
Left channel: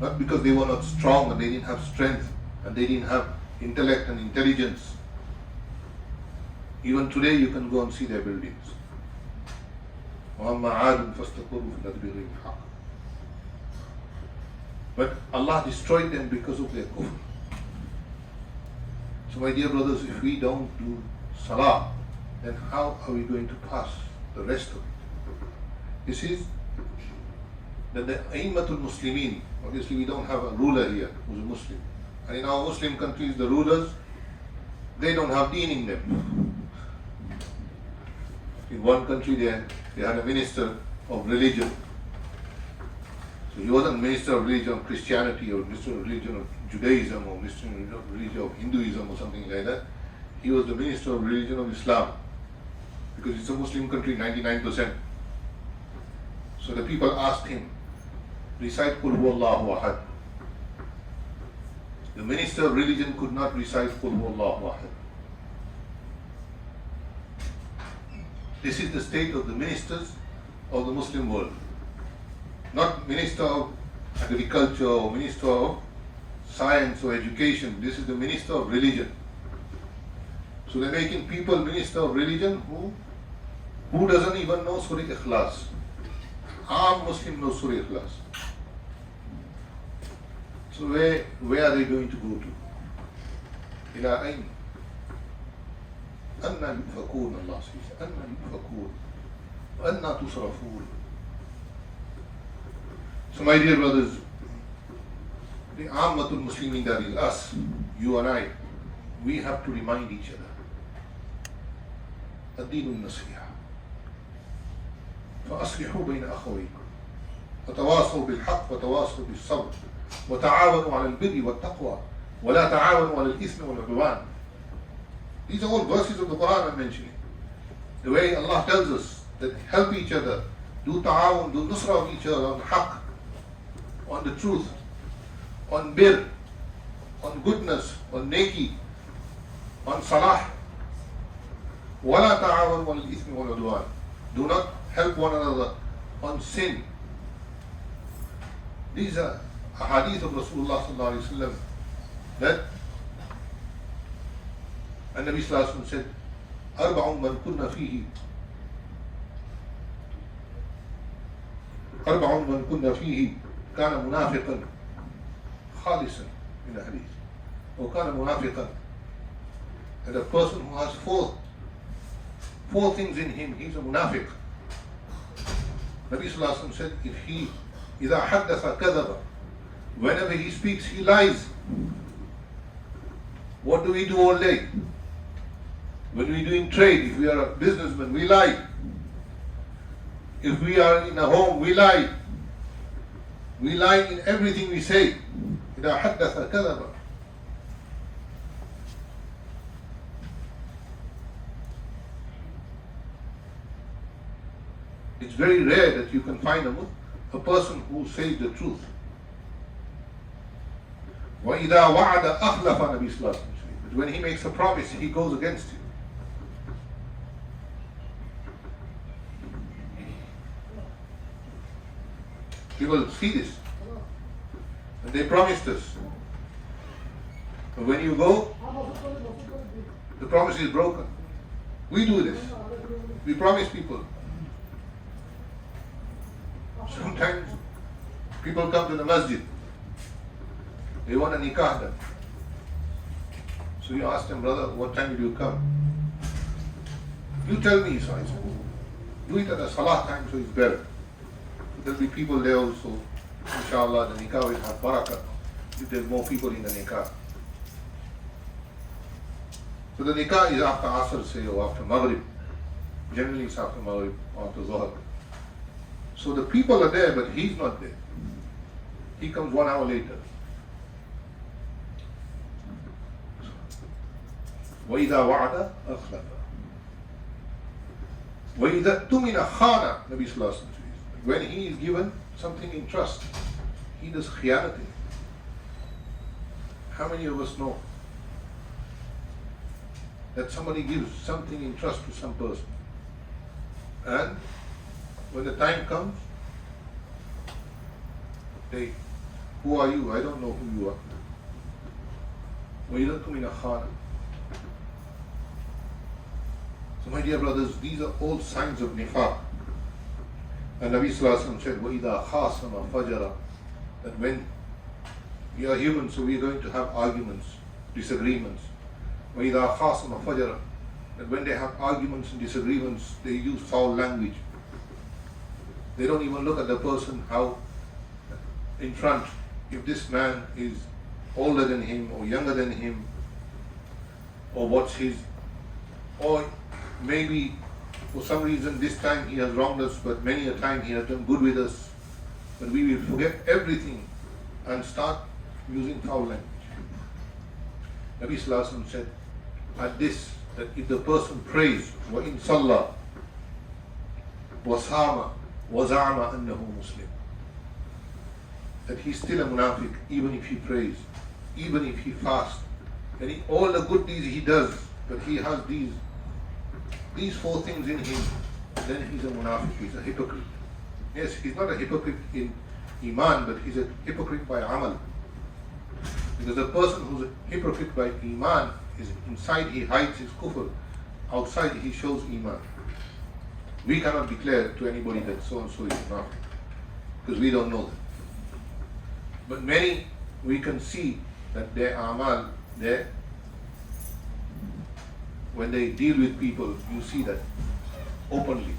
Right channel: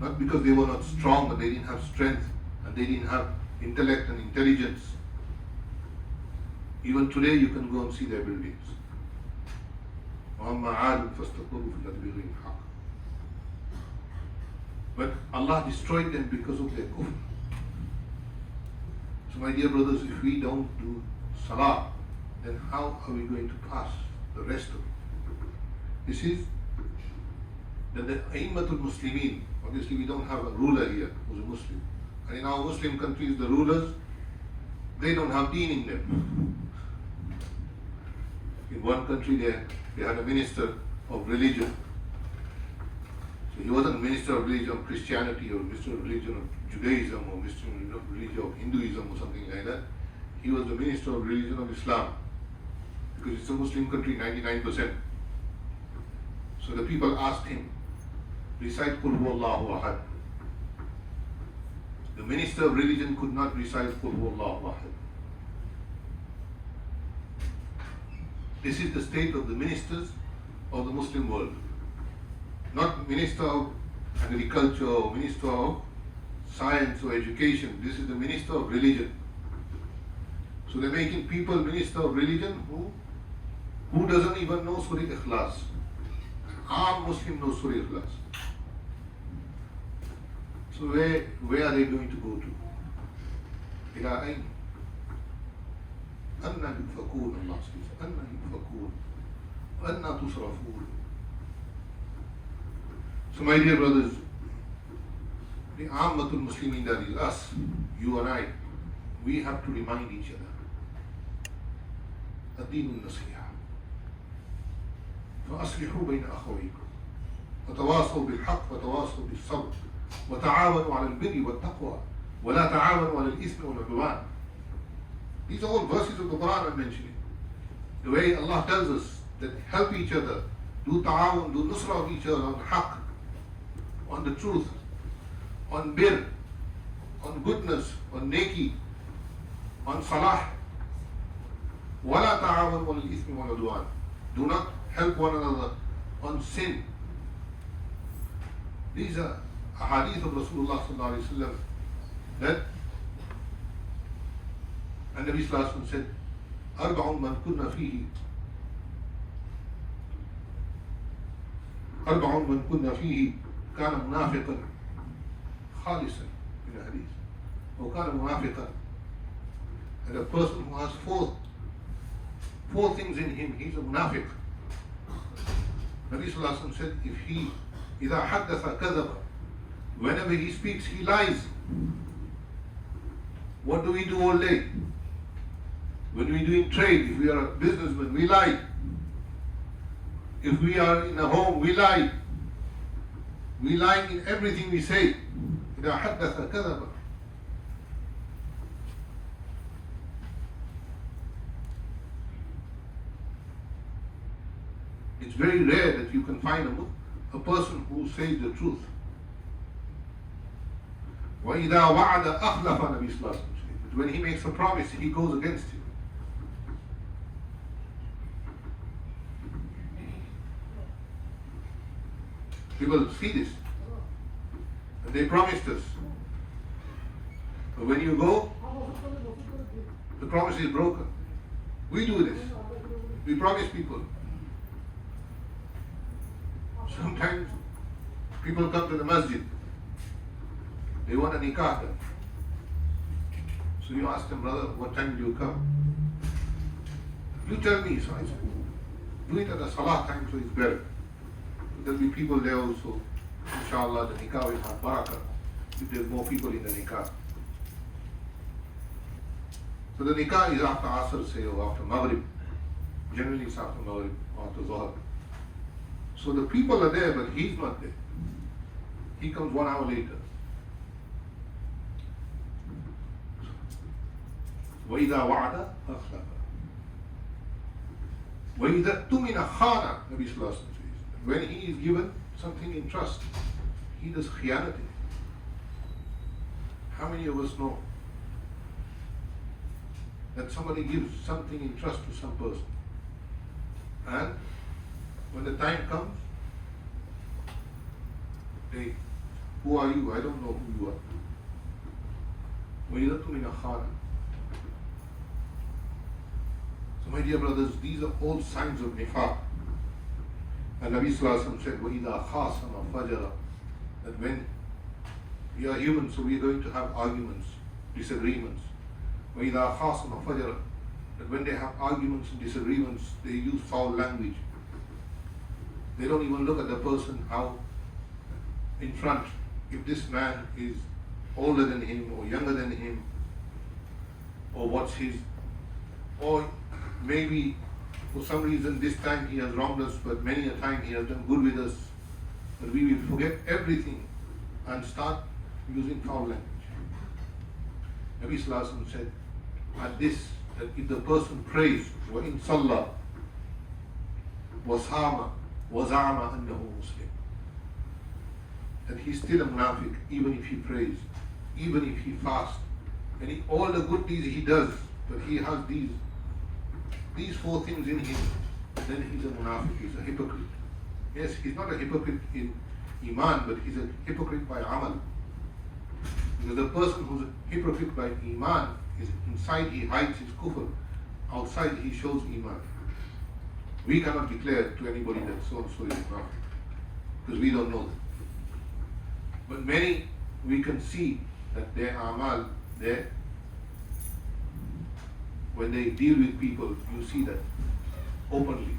not because they were not strong and they didn't have strength and they didn't have intellect and intelligence. Even today you can go and see their buildings. وَأَمَّا عَادٌ فَاسْتَكْبَرُوا فِي الْأَرْضِ بِغَيْرِ الْحَقِّ. But Allah destroyed them because of their kufr. So my dear brothers, if we don't do Salah, then how are we going to pass the rest of it? This is the A'immatul Muslimin. Obviously we don't have a ruler here who's a Muslim. And in our Muslim countries, the rulers, they don't have deen in them. In one country they had a minister of religion. So he wasn't a minister of religion of Christianity or minister of religion of Judaism or minister of religion of Hinduism or something like that. He was the minister of religion of Islam. Because it's a Muslim country, 99%. So the people asked him, recite Qul Huwallahu Ahad. The minister of religion could not recite Qul Huwallahu Ahad. This is the state of the ministers of the Muslim world. Not minister of agriculture or minister of science or education. This is the minister of religion. So they're making people minister of religion who doesn't even know Surah Ikhlas. Our Muslim knows Surah Ikhlas. So where are they going to go to? Ila ayn? Anna yufakun, Allah says. Anna yufakun. Anna tusrafun. So my dear brothers, the Ammatul Muslimin, that is us, you and I, we have to remind each other. الدين النصيحة فأصلحوا بين أخويكم وتواصوا بالحق وتواصوا بالصبر وتعاونوا على البر والتقوى ولا تعاونوا على الإثم والعدوان. These are all verses of the Quran I'm mentioning. The way Allah tells us that help each other, do ta'awun, do nusra of each other on haqq, on the truth, on bir, on goodness, on neki, on salah. وَلَا تَعَاوَنُوا عَلَى الْإِثْمِ وَالْعُدْوَانِ. Do not help one another on sin. These are a hadith of Rasulullah sallallahu alayhi wa sallam that and Nabi sallallahu alayhi wa sallam said, أَرْبَعٌ مَنْ كُنَّ فِيهِ أَرْبَعٌ مَنْ كُنَّ فِيهِ كَانَ مُنَافِقًا خَالِصًا in the hadith. Or كَانَ مُنَافِقًا. And a person who has four things in him, he's a munafiq. Nabi sallallahu alayhi wa sallam said, if he إِذَا حَدَّثَ كَذَبَ, whenever he speaks, he lies. What do we do all day? When we do in trade, if we are a businessman, we lie. If we are in a home, we lie. We lie in everything we say. إِذَا حَدَّثَ كَذَبَ. It's very rare that you can find a person who says the truth. وَإِذَا وَعَدَ أَخْلَفَ Nabi sallallahu alayhi wa sallam. But when he makes a promise, he goes against it. People see this. And they promised us. But when you go, the promise is broken. We do this. We promise people. Sometimes people come to the masjid. They want a nikah done. So you ask them, brother, what time will you come? You tell me, so I said, do it at the Salah time so it's better. So there'll be people there also. Inshallah, the nikah will have barakah if there's more people in the nikah. So the nikah is after Asr, say, or after Maghrib. Generally it's after Maghrib or after Zuhr. So the people are there, but he's not there. He comes 1 hour later. وَإِذَا وَعَدَ أَخْلَفَ وَإِذَا اؤْتُمِنَ خَانَ. Nabi sallallahu alayhi wa sallam says, when he is given something in trust, he does khiyanati. How many of us know that somebody gives something in trust to some person, and when the time comes, hey, who are you? I don't know who you are. وَإِذَا اؤْتُمِنَ خَانَ. So my dear brothers, these are all signs of nifaq. And Nabi Sallallahu Alaihi Wasallam said, وَإِذَا خَاصَمَ فَجَرَ, that when we are human, so we are going to have arguments, disagreements. وَإِذَا خَاصَمَ فَجَرَ, that when they have arguments and disagreements, they use foul language. They don't even look at the person how in front. If this man is older than him or younger than him, or what's his, or maybe for some reason this time he has wronged us, but many a time he has done good with us, but we will forget everything and start using foul language. Nabi Sallallahu Alaihi Wasallam said at this, that if the person prays, وَإِن صَلَّى وَصَامَ وَزَعَمَ أَنَّهُ مُسْلِمٌ, that he's still a munafiq even if he prays, even if he fasts, and all the good deeds he does, but he has these four things in him, then he's a munafiq, he's a hypocrite. Yes, he's not a hypocrite in iman, but he's a hypocrite by amal. Because a person who's a hypocrite by iman is inside he hides his kufr, outside he shows iman. We cannot declare to anybody that so and so is munafiq, because we don't know them. But many, we can see that their amal, when they deal with people, you see that openly.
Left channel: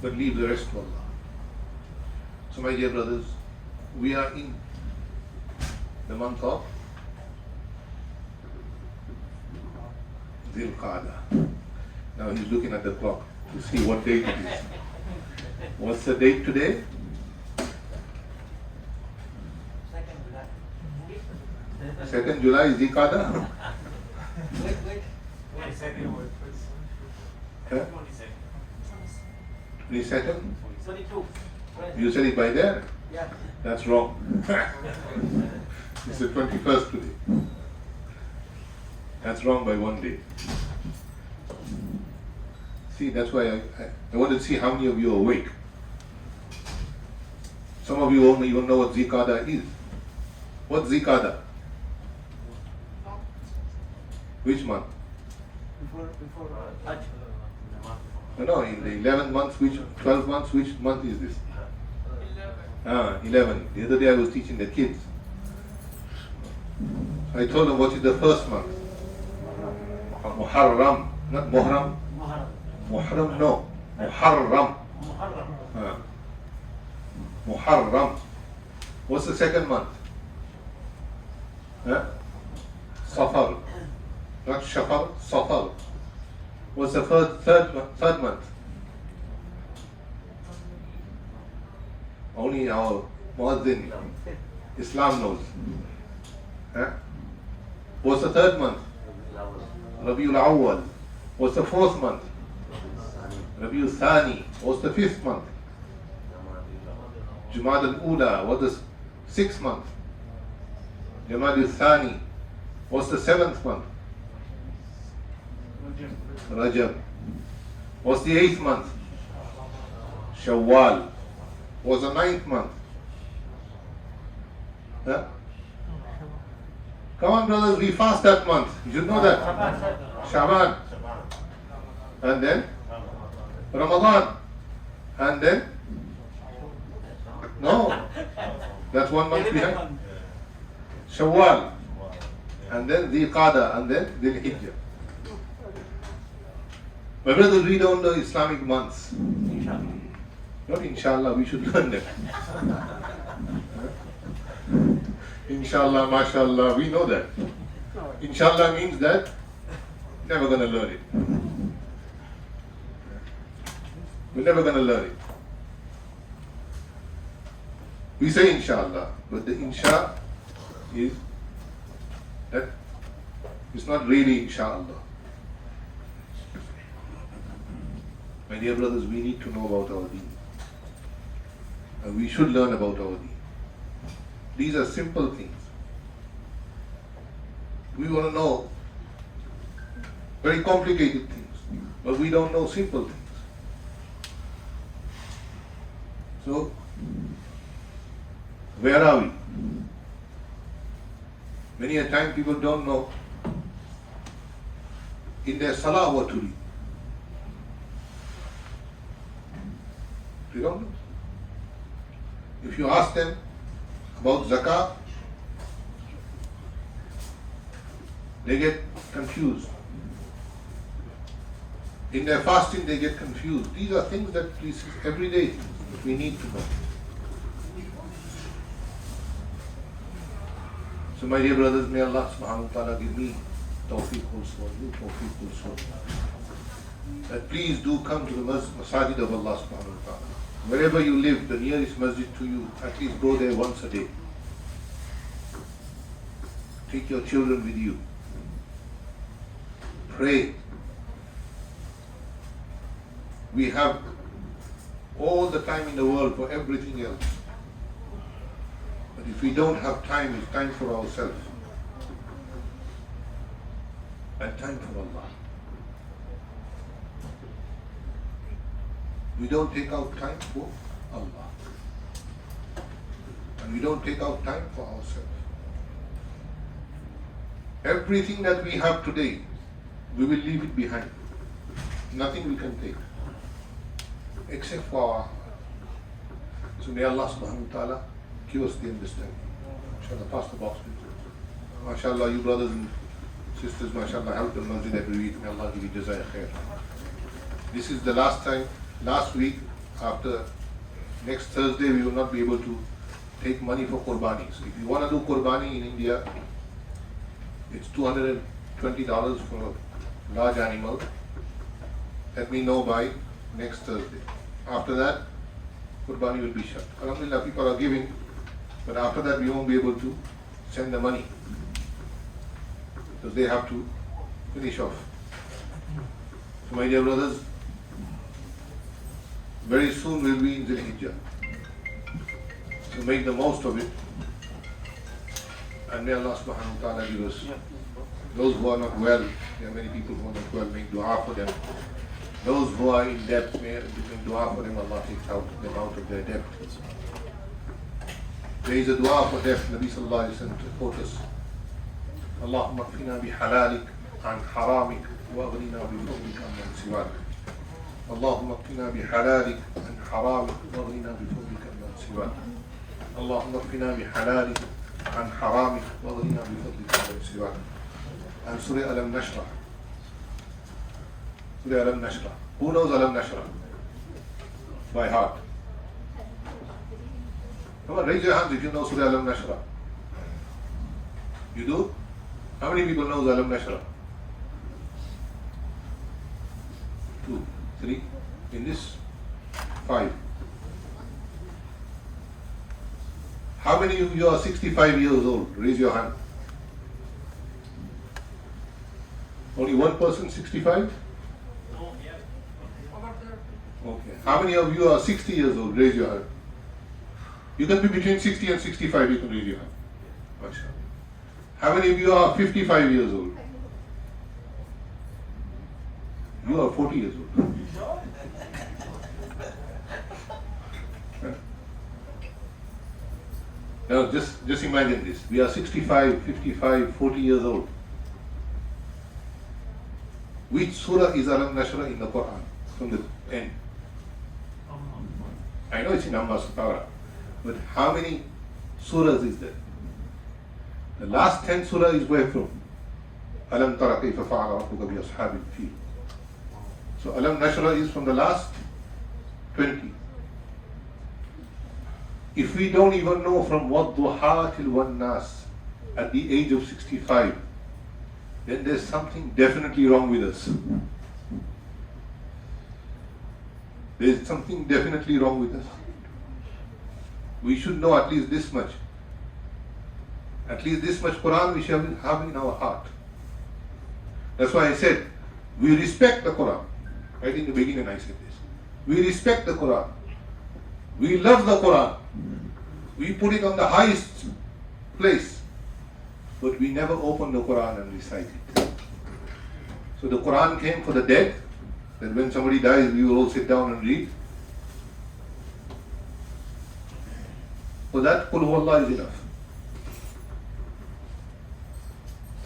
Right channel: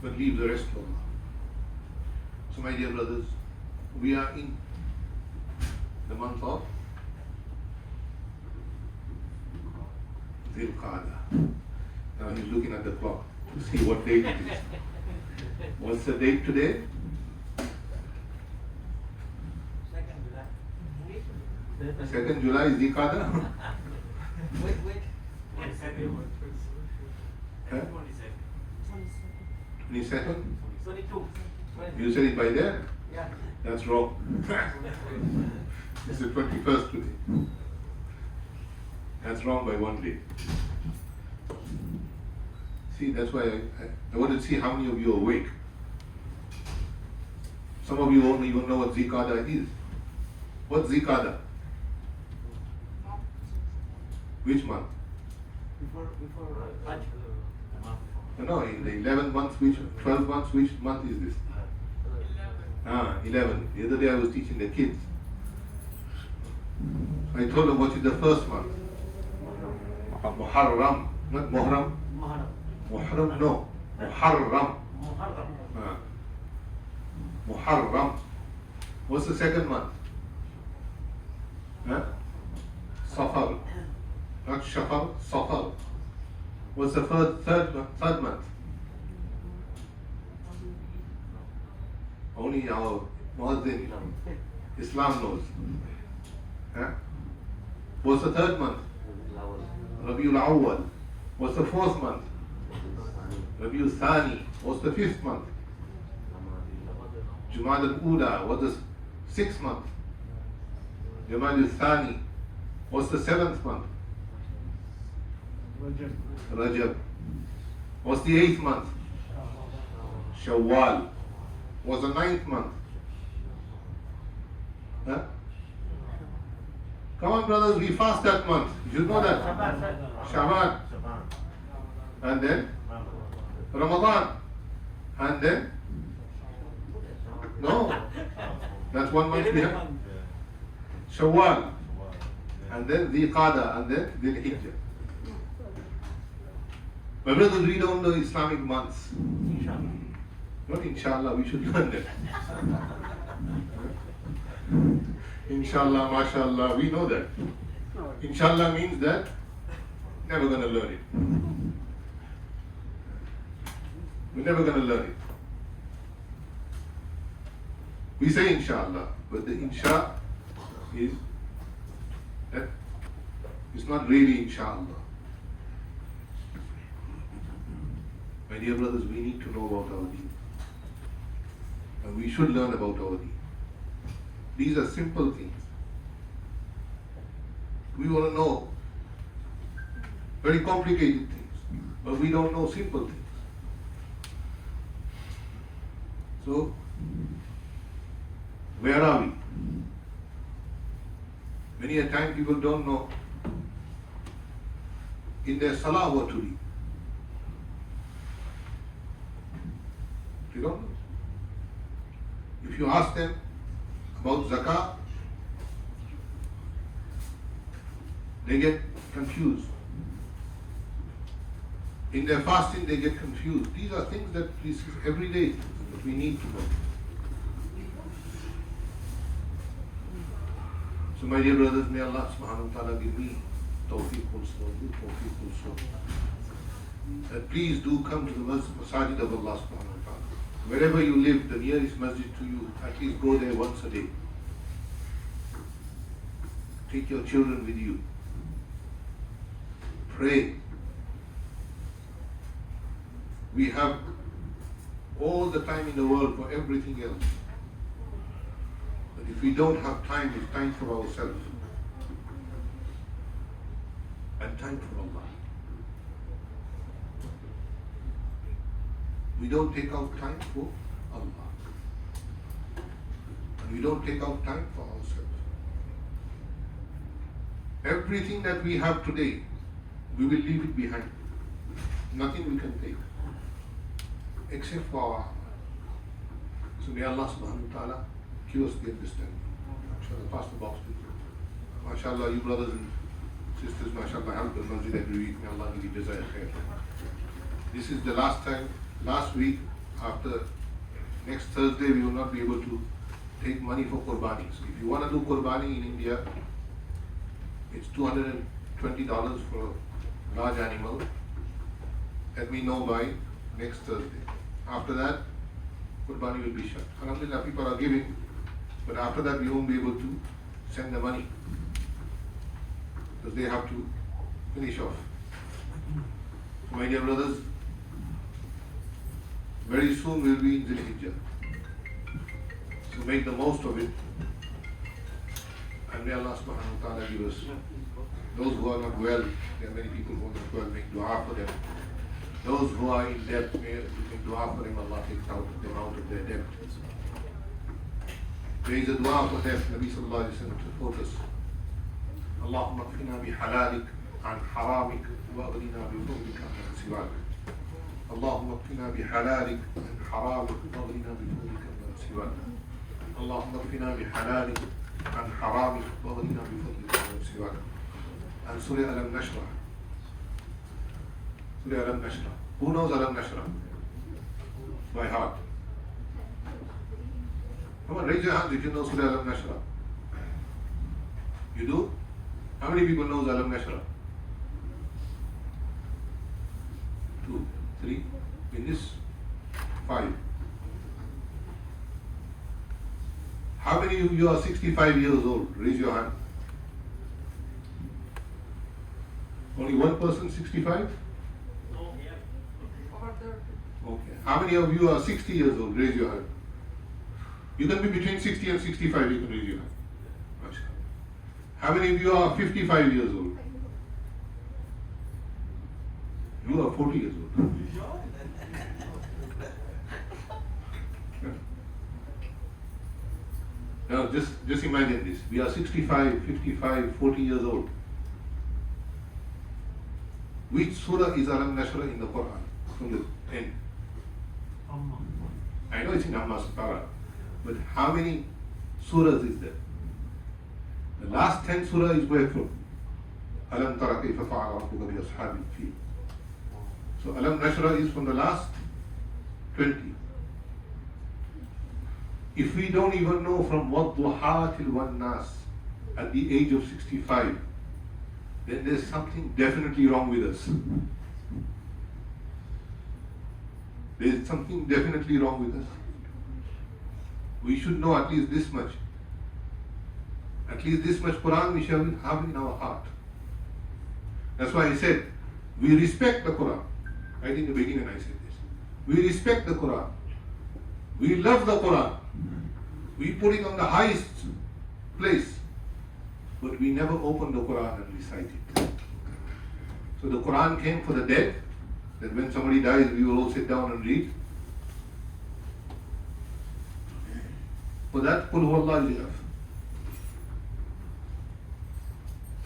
But leave the rest to Allah. So my dear brothers, we are in the month of Dhul-Qadah. Now he's looking at the clock to see what date it is. What's the date today? 2nd July is Dhul-Qadah. Wait. 22nd? 22. You said it by there? Yeah. That's wrong. It's the 21st today. That's wrong by one day. See, that's why I want to see how many of you are awake. Some of you won't even know what Dhul-Qadah is. What's Dhul-Qadah? Which month? Before Hajj. No, in the 11th month, 12th month, which month is this? 11. The other day I was teaching the kids. I told them what is the first month? Muharram, not Muharram. Muharram, no. Muharram. Muharram. What's the second month? Safar. Not Shafar, Safar. What's the third month? Only our Muazzin, Islam knows. What's the third month? Rabiul Awwal. What's the fourth month? Rabiul Thani. What's the fifth month? Jumad al-Ula. What's the sixth month? Jumad al-Thani. What's the seventh month? Rajab. What's the eighth month? Shawwal. What's the ninth month? Come on, brothers, we fast that month. You should know that. Shaban. And then Ramadan. And then? No. That's 1 month behind. Shawwal. And then Dhul-Qadah. And then Dhul-Hijjah. My brothers, we don't know Islamic months. Not inshallah, we should learn that. Inshallah, mashallah, we know that. Inshallah means that never gonna learn it. We're never gonna learn it. We say inshallah, but the insha is that it's not really inshallah. My dear brothers, we need to know about our deen. And we should learn about our deen. These are simple things. We want to know very complicated things, but we don't know simple things. So, where are we? Many a time people don't know in their Salah what to read. They don't know. If you ask them about zakah, they get confused. In their fasting, they get confused. These are things that we see every day we need to know. So my dear brothers, may Allah subhanahu wa ta'ala give me tawfiq also, you tawfiq also. That please do come to the masajid of Allah subhanahu wa ta'ala. Wherever you live, the nearest masjid to you, at least go there once a day. Take your children with you. Pray. We have all the time in the world for everything else. But if we don't have time, it's time for ourselves. And time for Allah. We don't take out time for Allah. And we don't take out time for ourselves. Everything that we have today, we will leave it behind. Nothing we can take. Except for our heart. So may Allah subhanahu wa ta'ala give us the understanding. Inshallah, pass the box please. MashaAllah, you brothers and sisters, MashaAllah, help the masjid every week. May Allah give you jazaya khair. This is the last time, last week, after next Thursday, we will not be able to take money for Qurbani. So if you want to do Qurbani in India, it's $220 for a large animal. Let me know by next Thursday. After that, Qurbani will be shut. Alhamdulillah, people are giving, but after that we won't be able to send the money because they have to finish off. So my dear brothers, very soon we'll be in Dhul-Hijjah. So make the most of it. And may Allah subhanahu wa ta'ala give us, those who are not well, there are many people who are not well, make dua for them. Those who are in debt, may make dua for them, Allah takes them out of their debt. There is a dua for debt, Nabi sallallahu alayhi wa sallam taught us. Allahumma kfina bi halalik an haramik wa aghnina bi fadlika amman siwak. Allahumma kfina bi halalik an haramik wa aghnina bi fadlika amman siwak. Allahumma kfina bi halalik an haramik wa aghnina bi fadlika amman siwak. And Surah Alam Nashrah. Surah Alam Nashrah. Who knows Alam Nashrah? By heart. Come on, raise your hands if you know Surah Alam Nashrah. You do? How many people know Alam Nashrah? 2, 3. In this, 5. How many of you are 65 years old? Raise your hand. Only one person 65? Okay. How many of you are 60 years old? Raise your hand. You can be between 60 and 65, you can raise your hand. How many of you are 55 years old? You are 40 years old. Now just imagine this. We are 65, 55, 40 years old. Which surah is Alam Nashrah in the Quran? From the end. I know it's in Amma Satara, but how many surahs is there? The last 10 surah is where from? Alam tara kayfa fa'ala rabbuka bi ashabil fil. So Alam Nashrah is from the last 20. If we don't even know from Wadduha till Wan Nas at the age of 65, then there's something definitely wrong with us. There's something definitely wrong with us. We should know at least this much. At least this much Quran we shall have in our heart. That's why I said, we respect the Quran. Right in the beginning I said this. We respect the Quran. We love the Quran. We put it on the highest place. But we never open the Quran and recite it. So the Quran came for the dead, that when somebody dies, we will all sit down and read. For that, Qul Huwallah is enough.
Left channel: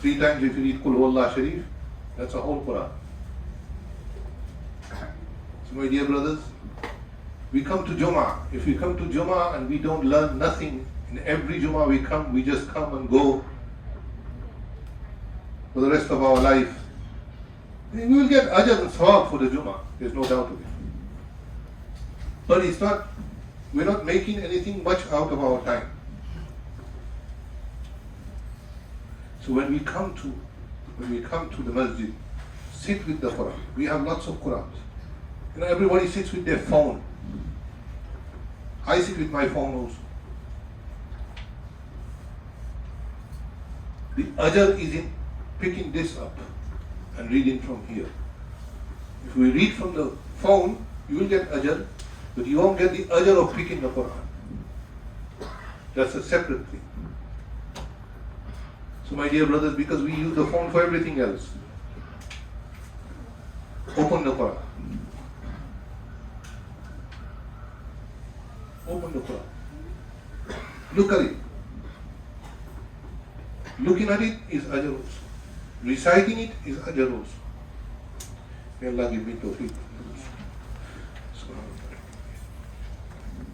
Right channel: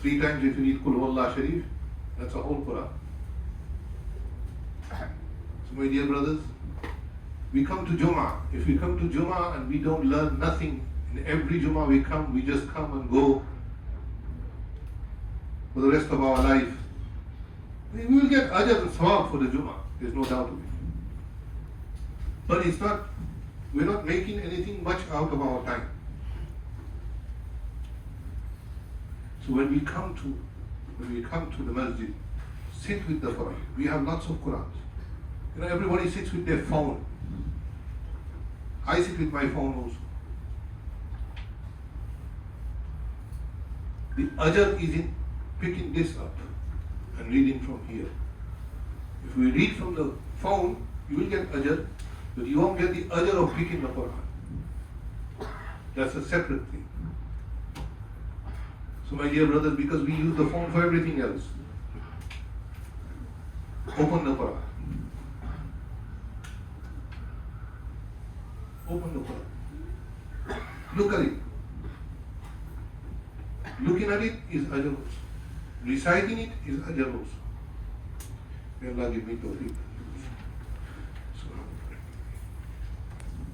3 times if you read Qul Huwallah Sharif, that's a whole Quran. So my dear brothers, We come to Jumu'ah. If we come to Jumu'ah and we don't learn nothing, in every Jumu'ah we come, we just come and go for the rest of our life, then we will get ajr and sawab for the Jumu'ah. There's no doubt of it. But we're not making anything much out of our time. So when we come to the masjid, sit with the Quran. We have lots of Qurans. Everybody sits with their phone. I sit with my phone also. The ajr is in picking this up and reading from here. If we read from the phone, you will get ajr, but you won't get the ajr of picking the Quran. That's a separate thing. So my dear brothers, because we use the phone for everything else, open the Quran. Open the Quran. Look at it. Looking at it is ajr also. Reciting it is ajr also. May Allah give me tawfiq.